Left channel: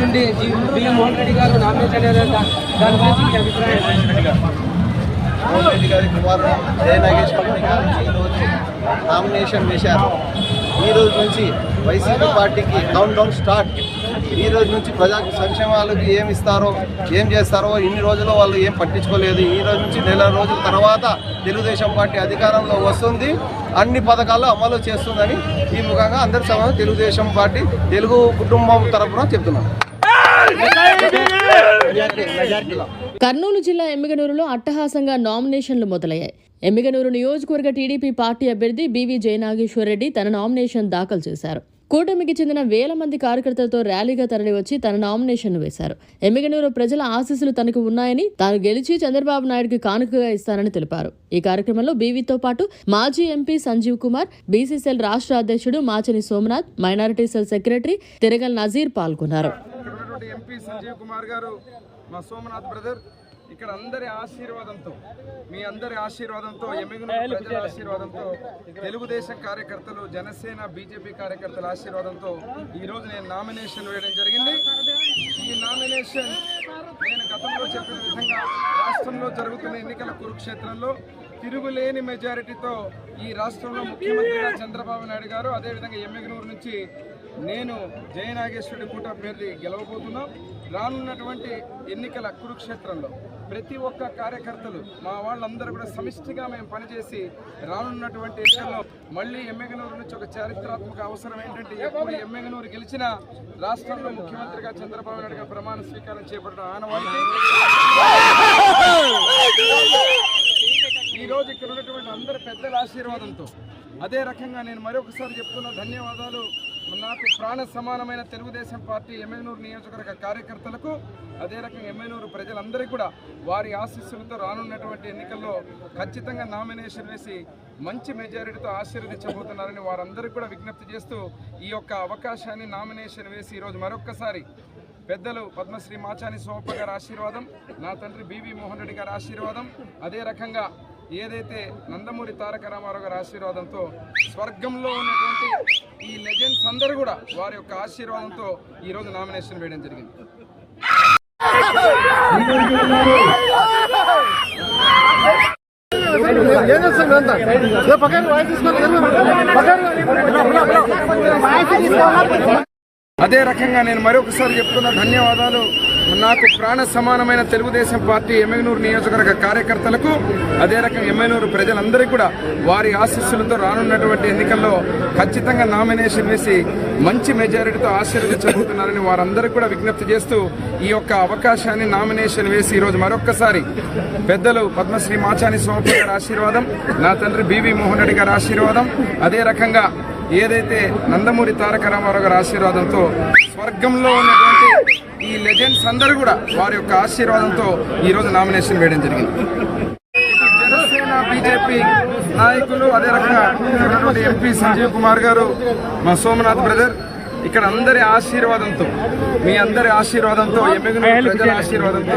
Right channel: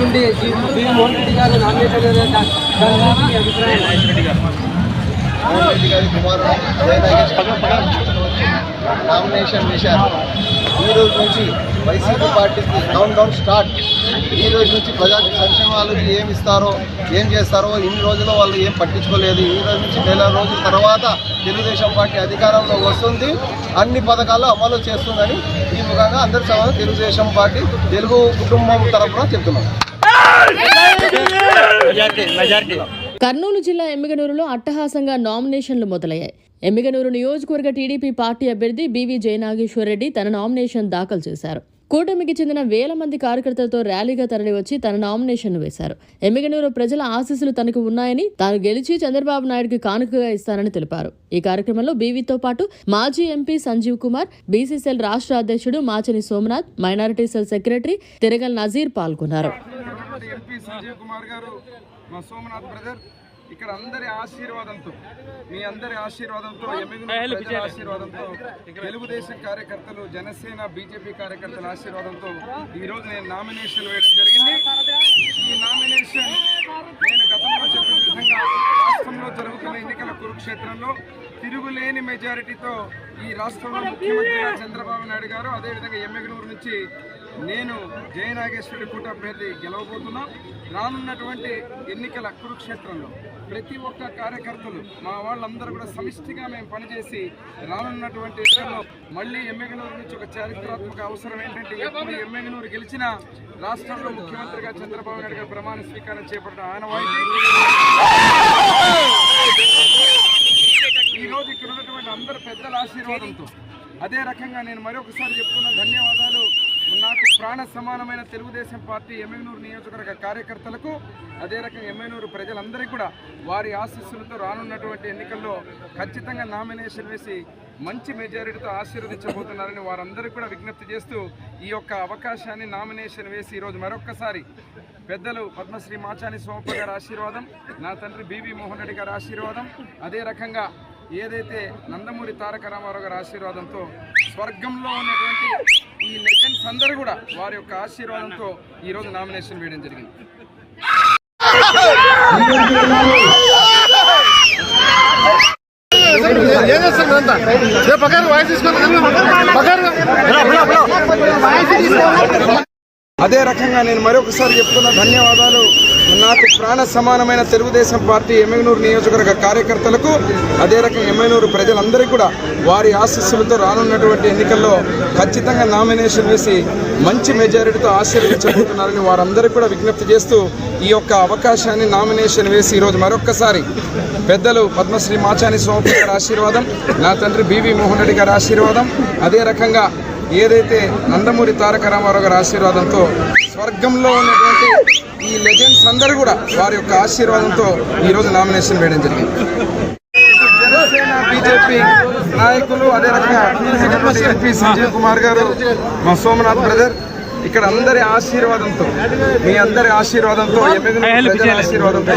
నుండి మోహన్ రెడ్డి గారు నామినేషన్ వేయడం మోహన్ రెడ్డి గారి కుమారుడు నామినేషన్ వేశారు ఈ రోజు నుంచి వైసీపీ పార్టీకి డౌన్ డౌన్ స్టార్ట్. ఈ రోజు నుంచి ప్రజా సంక్షేమాలకి ఏం ఇస్తారో ఏం చేస్తారో ఇన్ని రోజుల్లో వాళ్ళు ఏం పట్టించుకోలేదు. ఈ రోజు నుంచి నెల రోజుల తర్వాత తెలుగుదేశం పార్టీ అధికారంలో వస్తుంది. అన్ని పథకాలు అమలు చేస్తుందని ఈ ముఖంగా అందరి సభ తెలుగుదేశం పార్టీ తెలుగు కుటుంబం తరఫున చెప్తున్నాను కర్నూలు జిల్లా ఎమ్మిగనూరులో అట్టహాసంగా నామినేషన్లు మొదలయ్యాయి. ఎమ్మిగనూరు నియోజకవర్గ టీడీపీ పార్టీ అభ్యర్థి బీవీ జయనాగేశ్వరరెడ్డి తన నామినేషన్ దాఖలు చేశారు. కూటమికి చెందిన వేల మంది కార్యకర్తలతో ర్యాలీగా తరలివచ్చి తన నామినేషన్ వేశారు. ఎమ్మిగనూరు ప్రజల ఆశీస్సులు తనకు ఉన్నాయని తాను గెలిచి చంద్రబాబు నాయుడుకి కానుకగా ఇస్తానని తెలిపారు. ఈ కార్యక్రమంలో బీవీతో పాటు మాజీ ఎంపీ సంజీవ్ కుమార్ బీసీసీఎల్ రాష్ట్ర అధ్యక్షుడు Machani Somnath minority cell secretary Tiragal Nazir పాల్గొన్నారు. సంజీవ్ కుమార్ గారు మా సోమనాథ్ బ్రదర్ ఇక్కడ అందరి ఆశీర్వాదంతో మీ అందరి ఆశీర్వాదంతో ఆశీర్వాదంతో తెలుగుదేశం కార్యకర్తలు జనసేన బీజేపీ కార్యకర్తల ఆశీర్వాదంతో ఈ రోజు నేను నామినేషన్ వేయడం జరిగింది. ఈ నామినేషన్ నేను గతంలో చెప్పిన విధంగా రాష్ట్రంలో జరుగుతున్న ఎన్నికల కురుక్షేత్రంలో తిరుగులేని మెజారిటీతో ఈ రాష్ట్రంలో ముఖ్యమంత్రిగా చంద్రబాబు నాయుడు గారు అదేవిధంగా ఎమ్మెగనూరు నుంచి నేను జయనాగేశ్వరి కూట అభ్యర్థి గెలవబోతున్నా. రానున్నటువంటి ఎన్నికల కురుక్షేత్రంలో ప్రతి ఒక్క కార్యకర్తలు మా వాళ్ళందరూ కూడా సమిష్టిగా మేము పనిచేసి రానున్నటువంటి ఎన్నికల్లో మళ్ళీ ఎమ్మెగనూరు నుంచి ఒక చారిత్రాత్మక అవసరం ఏంటంటే ఎప్పుడు ఎమ్మెగనూరు గెలిచిన రాష్ట్రంలో ముఖ్యమంత్రిగా చంద్రబాబు నాయుడు గారు ప్రమాణ స్వీకారం చేపట్టిన ఆనవాయితీ. ఈరోజు ఇక్కడ ఉన్నటువంటి అందరు పెద్దల ఆశీర్వాదంతో అదే రకంగా నేను మరొకసారి చెప్తున్న ధన్యవాదాలు. నాకు ప్రాణ సమానమైన తెలుగుదేశం పార్టీ ఎమ్మెనూరు నియోజకవర్గ కార్యకర్తలకు అదే రకంగా ఎమ్మెనూరు ప్రజలందరికీ కూడా వారి ఆశీస్సులతో రానున్నటువంటి ఎన్నికల్లో ఖచ్చితంగా నామినేషన్ వేసి మంచి మెజారిటీతో ఆశీర్వదించబోతున్నారని వారందరికీ కూడా విజ్ఞప్తి చేస్తూ ఈ యొక్క అవకాశాన్ని నామినేషన్ వేసి ఈరోజు మరొక్కసారి పెద్దలు పద్మశ్రీ మాచాని సోమప్ప గారి ఆశీర్వాదం నా తండ్రి బీవీ మోహన్ రెడ్డి గారి ఆశీర్వాదం అదే రకంగా ఏదైతే నందమూరి తారక రామారావు గారి ఆశీర్వాదంతో స్వర్గంలో ఉన్నటువంటి ఈ లెజెండ్స్ అందరూ కూడా వారి యొక్క ఆశీర్వాదంతో ఈరోజు నామినేషన్ వేయడం జరిగింది. అదే రకంగా నేను మరొకసారి చెప్తున్న ధన్యవాదాలు. నాకు ప్రాణ సమానమైన తెలుగుదేశం పార్టీ ఎమ్మెనూరు నియోజకవర్గ కార్యకర్తలకు అదే రకంగా ఎమ్మెనూరు ప్రజలందరికీ కూడా వారి ఆశస్సులతో రానున్నటువంటి ఎన్నికల్లో ఖచ్చితంగా నామినేషన్ వేసి మంచి మెజారిటీతో ఆశీర్వదించబోతున్నారని వారందరూ కూడా విజ్ఞప్తి చేస్తూ ఈ యొక్క అవకాశాన్ని నామినేషన్ వేసి ఈరోజు మరొక్కసారి పెద్దలు పద్మశ్రీ మాచాని స్వామి గారి ఆశీర్వాదం నా తండ్రి బీవీ మోహన్ రెడ్డి గారి ఆశీర్వాదం అదే రకంగా ఏదైతే నందమూరి తారక రామారావు గారి ఆశీర్వాదంతో స్వర్గంలో ఉన్నటువంటి ఈ లెజెండ్స్ అందరూ కూడా వారి యొక్క ఆశీర్వాదంతో ఈరోజు నామినేషన్ వేయడం జరిగింది. జనసేన బీజేపీ నాయకులు అదే రకంగా ఎంపీ సంజీవ్ కుమార్ గారు మా సోమనాథ్ బ్రదర్ ఇక్కడ అందరి ఆశీర్వాదంతో మీ అందరి ఆశీర్వాదంతో ప్రజల ఆశీర్వాదంతో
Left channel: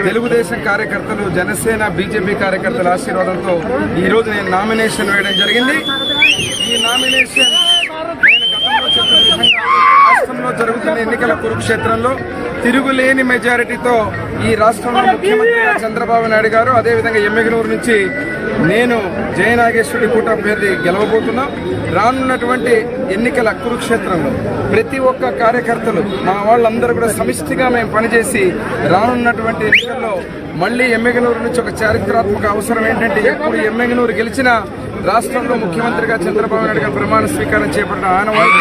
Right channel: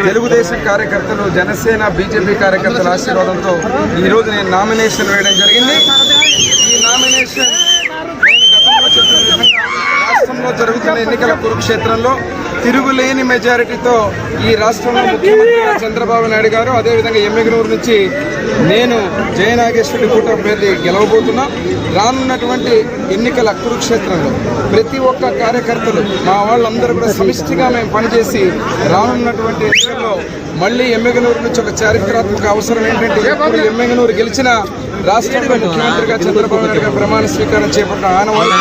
తెలుగుదేశం కార్యకర్తలు జనసేన బీజేపీ కార్యకర్తల ఆశీర్వాదంతో ఈ రోజు నేను నామినేషన్ వేయడం జరిగింది. ఈ నామినేషన్ నేను గతంలో చెప్పిన విధంగా రాష్ట్రంలో జరుగుతున్న ఎన్నికల కురుక్షేత్రంలో తిరుగులేని మెజారిటీతో ఈ రాష్ట్రంలో ముఖ్యమంత్రిగా చంద్రబాబు నాయుడు గారు అదేవిధంగా ఎమ్మెగనూరు నుంచి నేను జయనాగేశ్వరి కూట అభ్యర్థి గెలవబోతున్నా. రానున్నటువంటి ఎన్నికల కురుక్షేత్రంలో ప్రతి ఒక్క కార్యకర్తలు మా వాళ్ళందరూ కూడా సమిష్టిగా మేము పనిచేసి రానున్నటువంటి ఎన్నికల్లో మళ్ళీ ఎమ్మెగనూరు నుంచి ఒక చారిత్రాత్మక అవసరం ఏంటంటే ఎప్పుడు ఎమ్మెగనూరు గెలిచిన రాష్ట్రంలో ముఖ్యమంత్రిగా చంద్రబాబు నాయుడు గారు ప్రమాణ స్వీకారం చేపట్టిన ఆనవాళ్ళు